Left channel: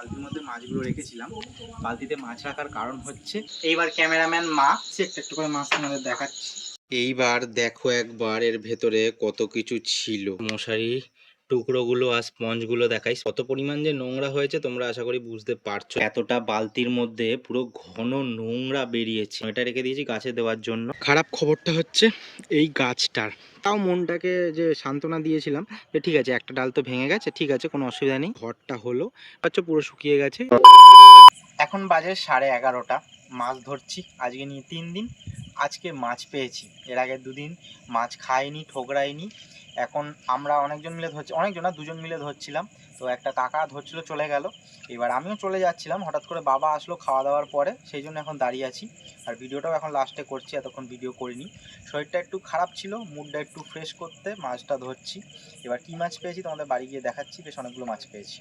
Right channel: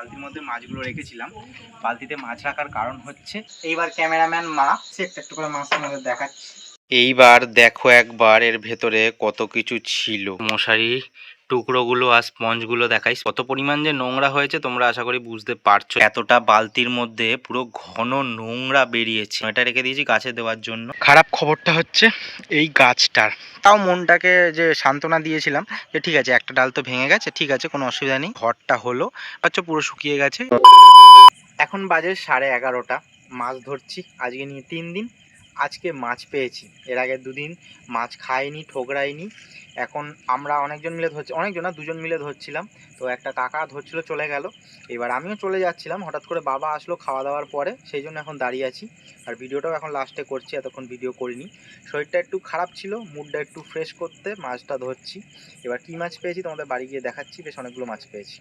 বালতির মধ্যে মাছগুলো রেখেছিলাম। বালতিতে মাছ রাখার কারণ হচ্ছে এইবার ক্যামেরাম্যান মা একটু করে মাছ তোমাদের দেখাচ্ছি। এইবার দেখো একবার এর ভেতরে কত কিছু ছিল। মশারি টুকরোগুলো আর স্পঞ্জগুলো দেখাই, কত পরিমাণ যে নোংরা হয়েছে তোমরা আশা করি বুঝতে পারছো। এতটা বালতির মধ্যে পুরো ঘন নোংরা বেরিয়েছে। এটা রেখে দিয়েছি গাছে দেওয়ার জন্য। খারাপ খবরটা হচ্ছে এই গাছটার, তাও মনটাকে যে সান্ত্বনা দিয়েছিলাম যে ঠিক আছে একটা ডাল তো ভেঙে গেছে, ঠিক আছে কোনো অসুবিধা নেই। ঘরটা হলো আচ্ছা পুরো শুকিয়ে গেছে। এখন বাজে 11:30। মাছ ধরছি আজকে নিয়ে 3 দিন। আজকে মাছ পেয়েছি, এর আগে 2 দিন মাছ খাইনি, ঠোকরাইনি। এখন আমরা অনেকজন মিলে ধরছি, অনেকজন না 2জন মিলে ধরছিলাম। তো একটা কাকা ধরছিল চলে গেল, এবার আমিও চলে যাচ্ছিলাম, হঠাৎ করে বাবা আসলো খাওয়া দাওয়ার পরে, সেই জন্য এখন দাঁড়িয়ে আছি। আর ভিডিওটাও এখন লাস্টে করছি, এতক্ষণ ভিডিও করিনি। শরীরটা একটু খারাপ ছিল, মুডটা একটু ফ্রেশ করতে মাছটা ধরছি। এবার কী মাছ পেয়েছি তোমাদের বাড়ি গিয়ে দেখাচ্ছি, বেশ অনেকগুলো মাছ পেয়েছি।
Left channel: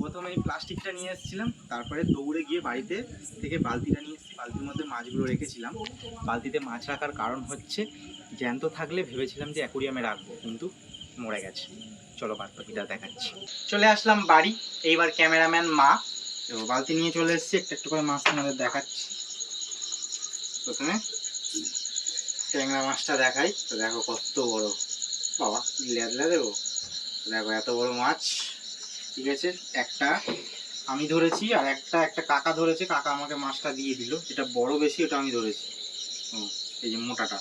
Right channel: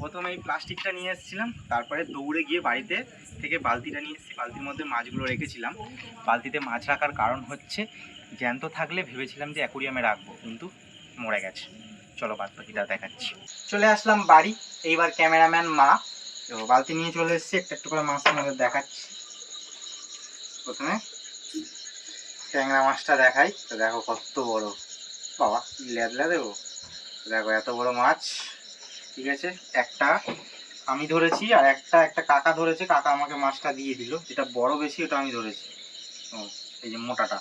প্রথমে এই প্লাস্টিকটা নিয়ে এসেছিলাম, তারপরে দৌড়ে গিয়ে বাড়িতে থেকে বালতিটা নিয়ে এসেছি। বালতির মধ্যে মাছগুলো রেখেছিলাম। বালতিতে মাছ রাখার কারণ হচ্ছে জ্যান্ত থাকলে ভেবেছিলাম যে অ্যাকুরিয়ামে রাখবো, কিন্তু মরে গেছে। চলো বাদ বাকিটা দেখাচ্ছি। চলে আসলাম বাড়ি, এইবার ক্যামেরাম্যান মা তো বালতি নিয়ে চলে এসেছি। একটু করে মাছ তোমাদের দেখাচ্ছি। প্রথমে ট্যাংরা মাছটা দেখাই, তো দেখো কত বড়, বাবা লেদলা দেবো, দেখো এত বড় মাছ। ঠিক আছে, একটা আমি ধরেছি আর একটা কাকা ধরেছে, কাকা আমাকে মাছটা দিয়ে দিল। যেটা বড় বেশি ওটা আমি ধরেছি। এই যে মোটাটা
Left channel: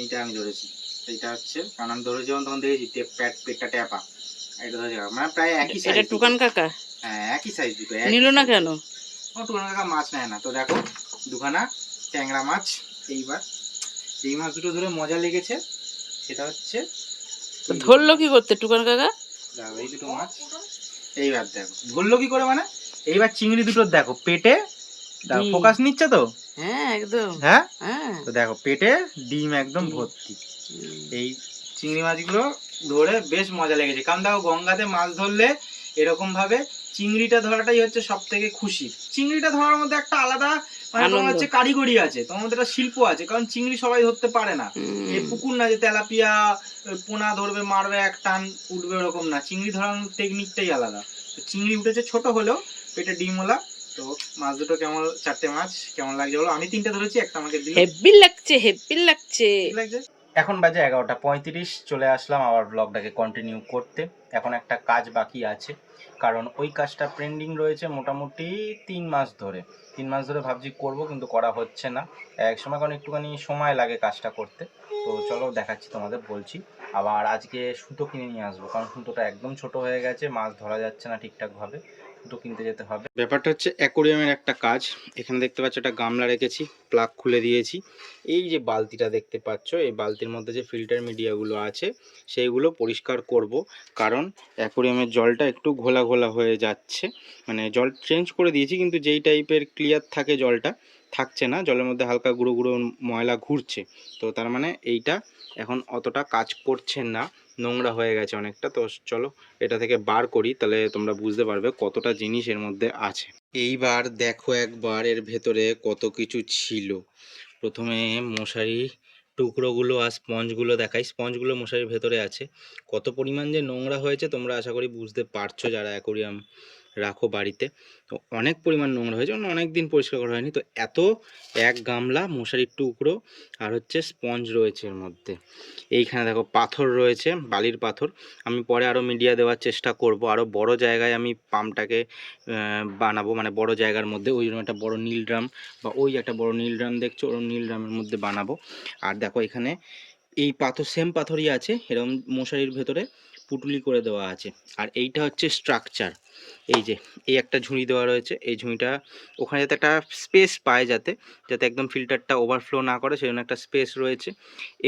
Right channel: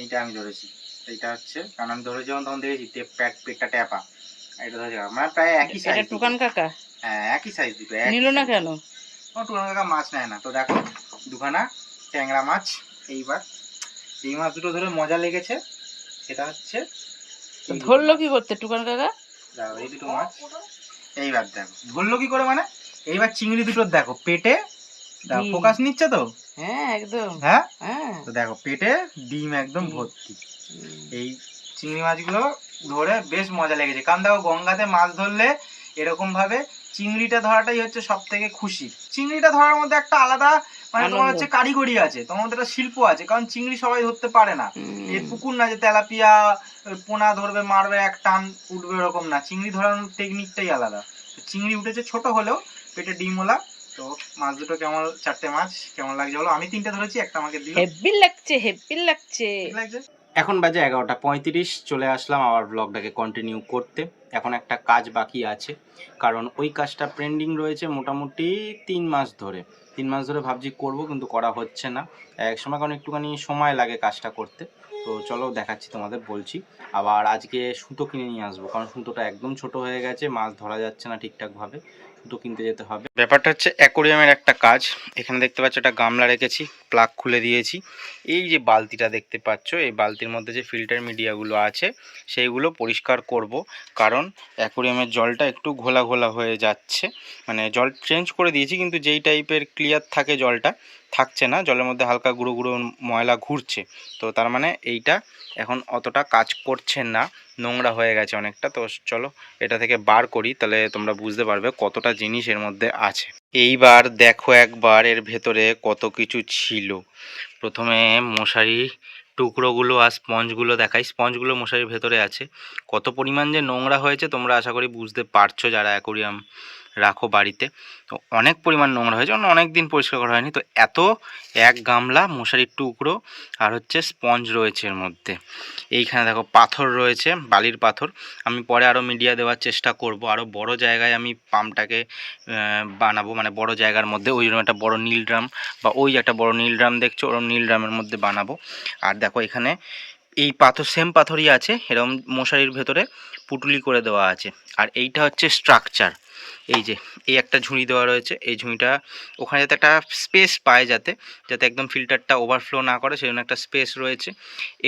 এইটা আমি ধরেছি। এইটা হচ্ছে কারণ আমি ধরেছি যখন তখন দেখেছি পেটটা ট্যাপা, এটা ধরেছি মানে প্রায় একই সাইজ। এটা টুকান কাকা? হ্যাঁ একই সাইজ দুটো। নিল না কেন? ও টুকান কাকা মাছ নেয় না। তো দেখো দুখানা ট্যাংরা মাছ। এইবার এই মাছ দুটো ধরে মজা লেগেছে, সেটা হচ্ছে ধরলো কি করতে টুকান কাকা? এই দুটো মাছ। এইবার দেখো ধরলো কি করে, মানে এইবার চিংড়ি দুটো দেখো পেটে, ফোকাস নিচ্ছে তো? হ্যাঁ একদম। হ্যাঁ হ্যাঁ তো দেখো পেটে ডিম একদম ভর্তি। এই চিংড়ি মাছগুলো ধরে বেশ মজা লেগেছে, কারণ দেখো গঙ্গাতে মাছ ধরলে এরকম ভাবে চিংড়িটা ধরাটাই হচ্ছে সব থেকে খুশির। চিংড়িটা ধরার মধ্যে একটা আলাদা মানে তোমার হচ্ছে কারিগরি আছে, তোমার মধ্যে একটা শিল্প আছে, কারণ চিংড়ি সবাই ধরতে পারে না। এই পুকুর না যে তেলাপিয়া পোনা ধরবে মারবে এক টান উঠবে এরকম না, চিংড়ি ধরানোর টেকনিকটাই আলাদা। তো চিংড়ি উঠেছে ছোট হলেও পেটে ডিমওয়ালা। তো মাছ দুটো কেমন, 4টে মাছ কেমন লাগছে বলো? আমি 3টে ধরেছি, একটা আমাকে দিল। হেভি লাগছে, হেভি লাগছে। এখন বাজে 11:35। চলে আসলাম আবার ব্লগটাকে কন্টিনিউ করতে। এখন একটা কাজ বাকি আছে, কারণ ওই কাজটা পেন্ডিং রয়েছে মোটামুটি 3 মাস ধরে। 3 মাস ধরে ভাবছি করব, কিন্তু করা হচ্ছে না এক সময়, কারণ একটুখানি সময় লাগে কাজটা করতে। তো চলো দেখাচ্ছি তোমাদের, বলছি। আবার আজকে সুতো কিনে নিয়ে আসবো, কারণ সুতোটা একদম ছোট হয়ে গেছে, মাছ ধরা যাচ্ছে না ঠিকঠাকভাবে, সুতো কিনতে যেতে হবে। ব্যাপারটা হচ্ছে অ্যাকোরিয়ামের একটা কাজ। এখানে দেখতে পাচ্ছ একটা গামলা রেখেছি, প্লাগ খুলে দিয়েছি। এই যে বালতিটা দেখতে পাচ্ছ, এই বালতির মধ্যে যে ফিল্টার মিডিয়াগুলো আছে সেইগুলো পরিষ্কার করব, কারণ অ্যাকোরিয়ামের জলটা একটু ঘোলা ঘোলা হয়ে যাচ্ছে। মানে জল চেঞ্জ করে দিয়েছি, কিন্তু যেই টাইপের ক্লিয়ার থাকে জলটা থাকছে না, জলের মধ্যে হালকা গুঁড়ো গুঁড়ো ময়লা ঘুরছে। তো তার মানে এইটা এখন অতটা কাজ করছে না, নোংরা হয়ে গেছে অনেকটা। তো চলো এটা থেকে বার করি, তাহলে তোমরা বুঝতে পারবে কতটা জিনিস এর মধ্যে আছে। এইবার দেখো একবার এর ভেতরে কত কিছু ছিল। প্রথমে মশারি টুকরোগুলো আর স্পঞ্জগুলো দেখাই। স্পঞ্জগুলো মশারির ভেতরে আছে, কত পরিমাণ যে নোংরা হয়েছে তোমরা আশা করি বুঝতে পারছো যারা অ্যাকোরিয়াম রাখো বাড়িতে। তো অনেক পরিমাণ নোংরা হয়েছে, অনেক দিন পরিষ্কার করা হয়নি। তো এত এক গামলা মশারির টুকরো আর হচ্ছে স্পঞ্জ রয়েছে এর মধ্যে। এইখানে দেখো পাথর রয়েছে, বালির পাথর। আমি পরে আরও মিডিয়া দেওয়ার চেষ্টা করব, আরও বড় জায়গায় আমি পাম্পটাকে বানাবো, মানে বড় জায়গার মধ্যে। ওই জন্য একটা বড় নীল ড্রাম, বা ওই একটা বড় নীল ড্রাম দেখছো, ওর নীল ড্রামের মধ্যে বানাবো। আর দেখো এখানে এই পাথর, সেম পাথরই আছে, এরকম মশারির ভেতরে পুটুলি করে দেওয়া আছে। আর এইটা হচ্ছে স্ট্রাকচার। এই যে এই একটা ঝুড়ি দেওয়া রয়েছে, এই ঝুড়িটা ওখানে যাতে একটা স্পেস পায়, যাতে একদম ফিল্টারটা ওভারফ্লো না করে, সেই জন্য একটা স্পেস রয়েছে।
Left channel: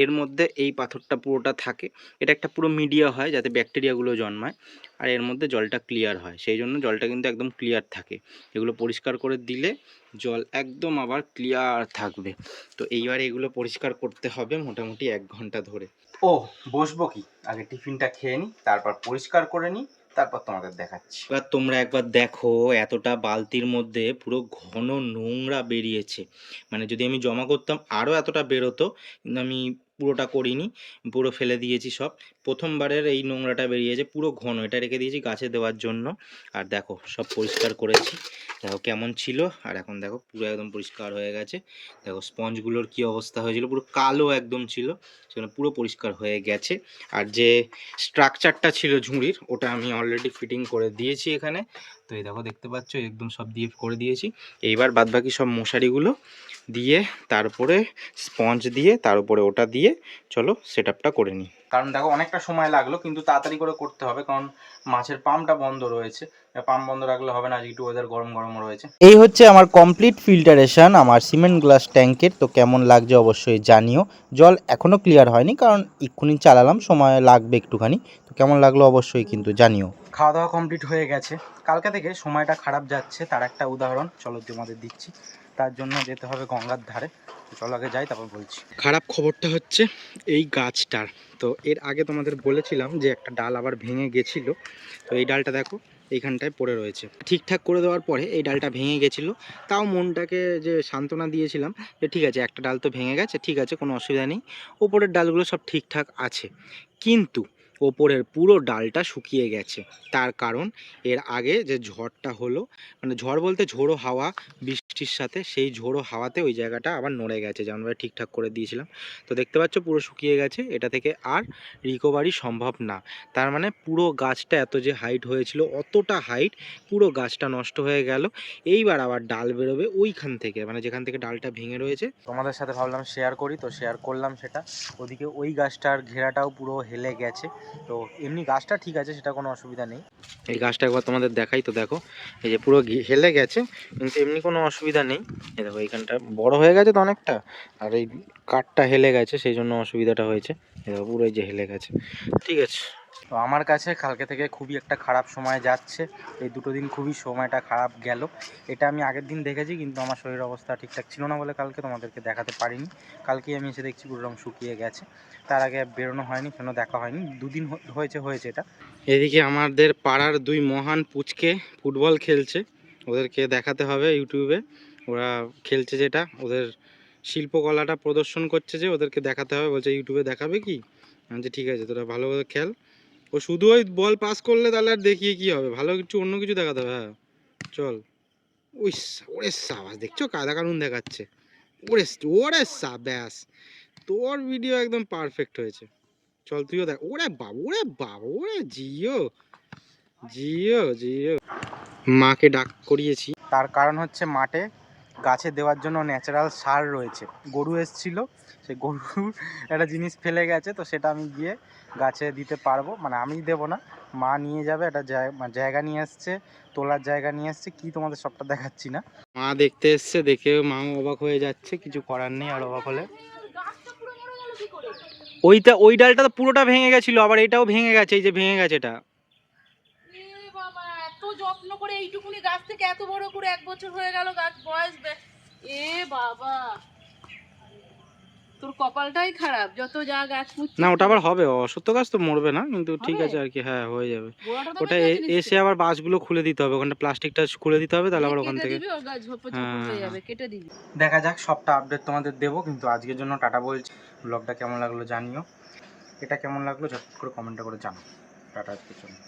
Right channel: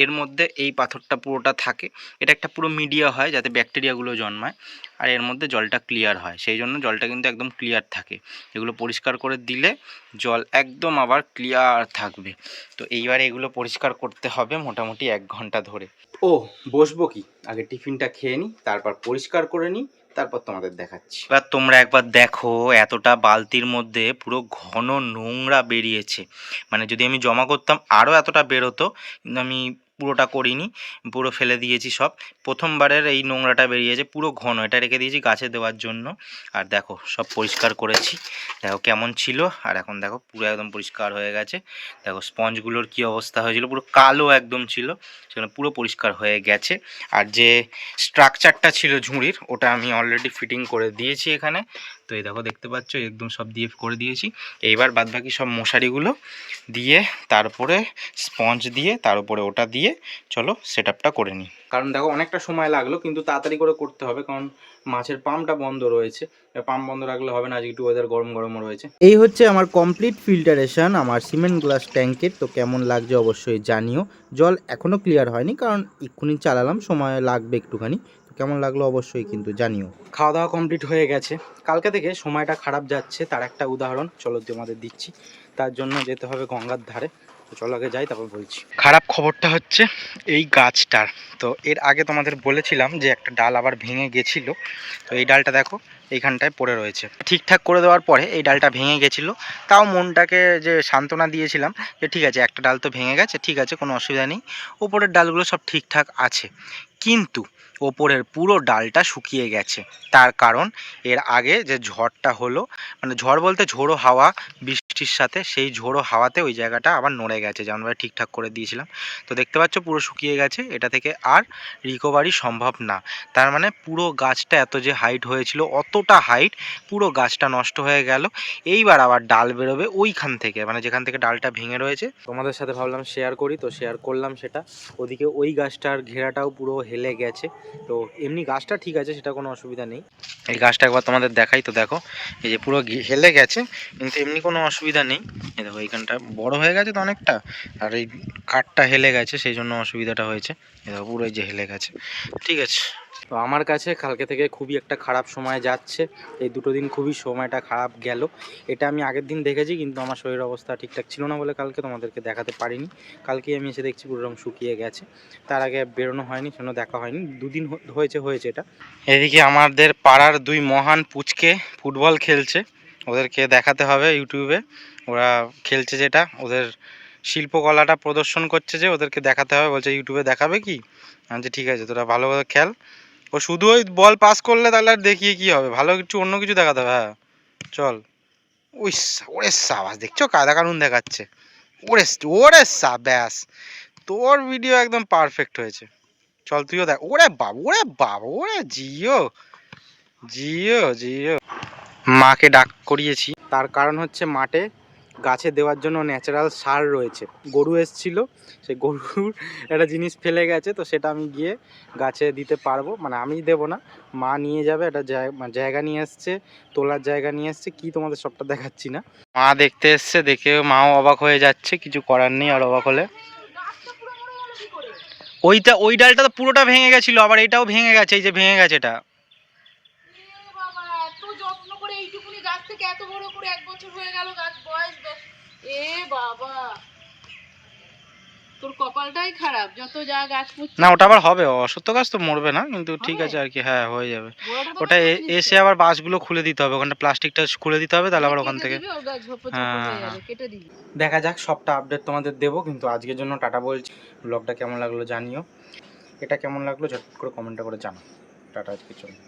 এর মধ্যে এই পাথরটা পুরোটা থাকে, এটা একটা পুরো মিডিয়া হয় যাতে ব্যাকটেরিয়াগুলো জন্মায়, আর এর মধ্যে জলটা ক্লিয়ার হয়। সেই জন্য জলটা কিন্তু একদম ক্লিয়ার থাকে। এগুলো পরিষ্কার করে দিলে জল একদম আবার ক্লিয়ার থাকবে। তো এইবার এগুলো পরিষ্কার করতে হবে মোটামুটি 1 ঘন্টা ধরে। ও বসবো কি, আগে টিফিনটা খেয়ে নিই, তারপর পরিষ্কার করে নিই, তারপর তোমাদের দেখাচ্ছি। এবার তোমরা একবার দেখো, এতটা বালতির মধ্যে পুরো ঘন নোংরা বেরিয়েছে। মানে যদি আমি জমা করতাম আরও এতটা বেরোতো, কিন্তু আমি পুরোটা করিনি, পুরো ফেলে দিয়েছি সব। প্রথমবারের এই নোংরাটা বেরিয়েছে পুরো ঘন, এটা রেখে দিয়েছি গাছে দেওয়ার জন্য। আর দেখো সব পরিষ্কার করেছি, দেখো কেমন ছিল, আর এখন দেখো পুরো একদম পরিষ্কার হয়ে গেছে। দেখো স্পঞ্জগুলোর কি অবস্থা হয়েছিল, পুরো কালো একদম ছিল, সেখানে পুরো পরিষ্কার হয়ে গেছে। আর যে স্ট্রাকচারটা ছিল ঝুড়ির, ওটা আমি অলরেডি ফিটিং করে দিয়েছি এখানে। তো এই দেখো দেখতে পাচ্ছ একদম সব দিয়ে করে দিয়েছি। এইবার বাদবাকি সব মশারিগুলো দিয়ে তারপরে স্পঞ্জ দিয়ে তার উপরে ওটা দিয়ে চলো সেট আপটা করে নিই। কারণ দেখো অনেকটা সময় লাগলো, কিন্তু তাড়াতাড়ি করে করতে হবে, কারণ মাছের পাম্পটা বন্ধ রয়েছে। পাম্প বন্ধ রাখলে হবে না, আজকে একটু ওয়েদার গরম গরম রয়েছে। এই হচ্ছে আমার কমপ্লিট ফিল্টারেশন আমার সিমেন্ট গ্লাস ট্যাঙ্কের। তো কেমন লাগছে অবশ্যই জানিও। জল এখনও ক্লিয়ার হয়নি, কারণ এক্ষুনি চালালাম, সময় লাগবে একটুখানি। তো কেমন লাগলো অবশ্যই কিন্তু জানিও। খাওয়া দাওয়া কমপ্লিট হয়ে গেছে। কালকে থেকে সময়টা খারাপ যাচ্ছে, তার একটা উদাহরণ চলো তোমাদের দিচ্ছি। তার জন্য যেতে হবে গঙ্গার ধারে। তো চলো আগে যাই, তারপর বলছি। খারাপ খবরটা হচ্ছে এই গাছটার। তো এর আগে তোমাদের বলেছিলাম যে একটা ডাল আবার ভেঙে গেছিলো। তো এই ডালটা দেখো এইখানটায় পড়ে রয়েছে। ঠিকঠাক করে দেওয়ার পরে এই ডালটা ভেঙে গেছিলো, তাও মনটাকে যে সান্ত্বনা দিয়েছিলাম যে ঠিক আছে একটা ডাল তো ভেঙে গেছে, ঠিক আছে কোনো অসুবিধা নেই, ওপরের ডালগুলো সব ঠিকঠাক আছে। কিন্তু ওপরের পুরো ডালটা শুকিয়ে গেছে। তার কারণ এর আগে যে ঝড়টা হলো, মানে ঝড় বলতে ঝোড়ো হাওয়া বৃষ্টির সাথে, সেই ঝোড়ো হাওয়াতে ওই জায়গাটা আবার নড়ে গেছে, যেমন ঠিকঠাক করে দিয়েছিলাম। তো দেখতে পাচ্ছ পুরো শুকিয়ে গেছে, এটা থেকে আর রিকভারি সম্ভব না। তার মানে পুরো গাছটা এত যে হাইট হয়েছিল, অতটা হাইট পুরো গাছটা নষ্ট হয়ে গেল। এইবার আবার ডাল বেরোবে ওইখান থেকে, মানে যেখান থেকে ডালটা ভেঙে রয়েছে। তোমাদের সাথে ভাবলাম শেয়ার করি, তো শেয়ার করলাম সেটা। ওদিকে ওই গাছটার ঘেরাটাও পুরো হেলে গেছে। তো এমনি গাছটা ঠিক আছে, সেটা কোনো অসুবিধা নেই। এই গাছটা একবার তোমাদের দেখাই, তো দেখো এই যে পুরো হেলে গেছে, কিন্তু এমনি কোনো অসুবিধা নেই। এই দেখো এইখানটা বড় হয়ে গেছে তো অনেকটা, আর এই কাঠটা হেলে গেছে, সেই জন্য অসুবিধাটা হয়েছে। এই দেখো পুরো এই যে হেলে গেছে, ঠিক আছে। তো আমার কাছে কালকে থেকে খুবই একটা খারাপ সময় যাচ্ছে। এই দুটো দিন খুবই সময়টা খারাপ গেল। এটা আমি আগের দিন দেখেছি, কিন্তু আমার শরীর অবস্থা ঠিকঠাক ছিল না বলে কালকে তোমাদেরকে দেখাতে পারিনি। কালকেই আমি এসে দেখছি পুরো রং শুকিয়ে গেছে। তার আগে বেরোনো হয়নি, সেজন্য দেখা হয়নি। দুদিন হয়েছে এটা। এদিকে আমাদের পাড়ার দুই মহান পুচকে ফুটবল খেলছে, ওদেরকে দেখাতে হবে ইউটিউবে। ওরা খেলছে যেটা, ওদের শিল্পকলাটা প্রদর্শন করছে, যে ওদেরকে দেখাতে হবে। বলছে ইউটিউবে দেখাবে কি? আমি ঠিক আছে, তোরা ভালোভাবে খেল। ও শুধু ওই বল পাস করলে তাহলে আর দেখিয়ে কি হবে, ভালো কিছু অন্য কিছু দেখাতে হবে। হ্যাঁ চল। ওই ওরে সাবাস, দেখছো কায়দা কানুন দেখাচ্ছে। ওরে ওরে ব্যাস, তোর ভিডিও একদম পারফেক্ট হয়েছে। চল তুইও দেখ। ওরে বাবা, ওরে বাবা, ওরে জিও জিও জিও। মাকে ডাক করিয়েছি, তার কারণ হচ্ছে মাঠে গাছে দেওয়ার জন্য ন্যাচারাল সার রয়েছে। গরু এসছিল, সেই গরুর একটা জিনিস ফেলে গেছে, তো সেটা আমি গিয়ে গাছে দিতে পারবো। মানে আমি দেবো না, মা নিয়ে যাবে। একটা জায়গা নিয়ে এসছে, তোলার জায়গা নিয়ে এসছে, কি তোমাদের সবটা দেখাচ্ছি না। মা দেখতে এসছে, দেখে মাও অবাক হয়ে যাচ্ছে, কিছু করার নেই আর অবাক হলে। ওই ডালটা তো পুরোটা ভেঙে গেছিল, আবার এটাও ভেঙে গেছে, এই যে ভেঙে গেছে এটা। যত্ন করে এইটুকুনি গাছ থেকে এত বড় করে 1 বছর হয়ে গেল গাছ বয়স। এ বাবা, তোর কপালটাই খারাপ, যত যা গাছ না ওটা আবার হবে, অসত্য গাছ তো মরবে না, কিন্তু ঠিক আছে আর কি, হ্যাঁ হয়ে যাবে। ওটা এসে আবার বাঁশগুলো খুলে দিতে হবে, ওখানটা প্লাস্টিকটা খুলে দিতে হবে, তাহলে আবার ওখান থেকে দেখা যাক। সবটা আপডেট তোমাদের দেবো, কিন্তু আজকের জন্য টাটা বলছি। ব্লগটা কেমন লাগলো জানিও, এটা কেমন লাগলো ঝটপট করে কমেন্টটা করে জানাও। টাটা, আজকের জন্য।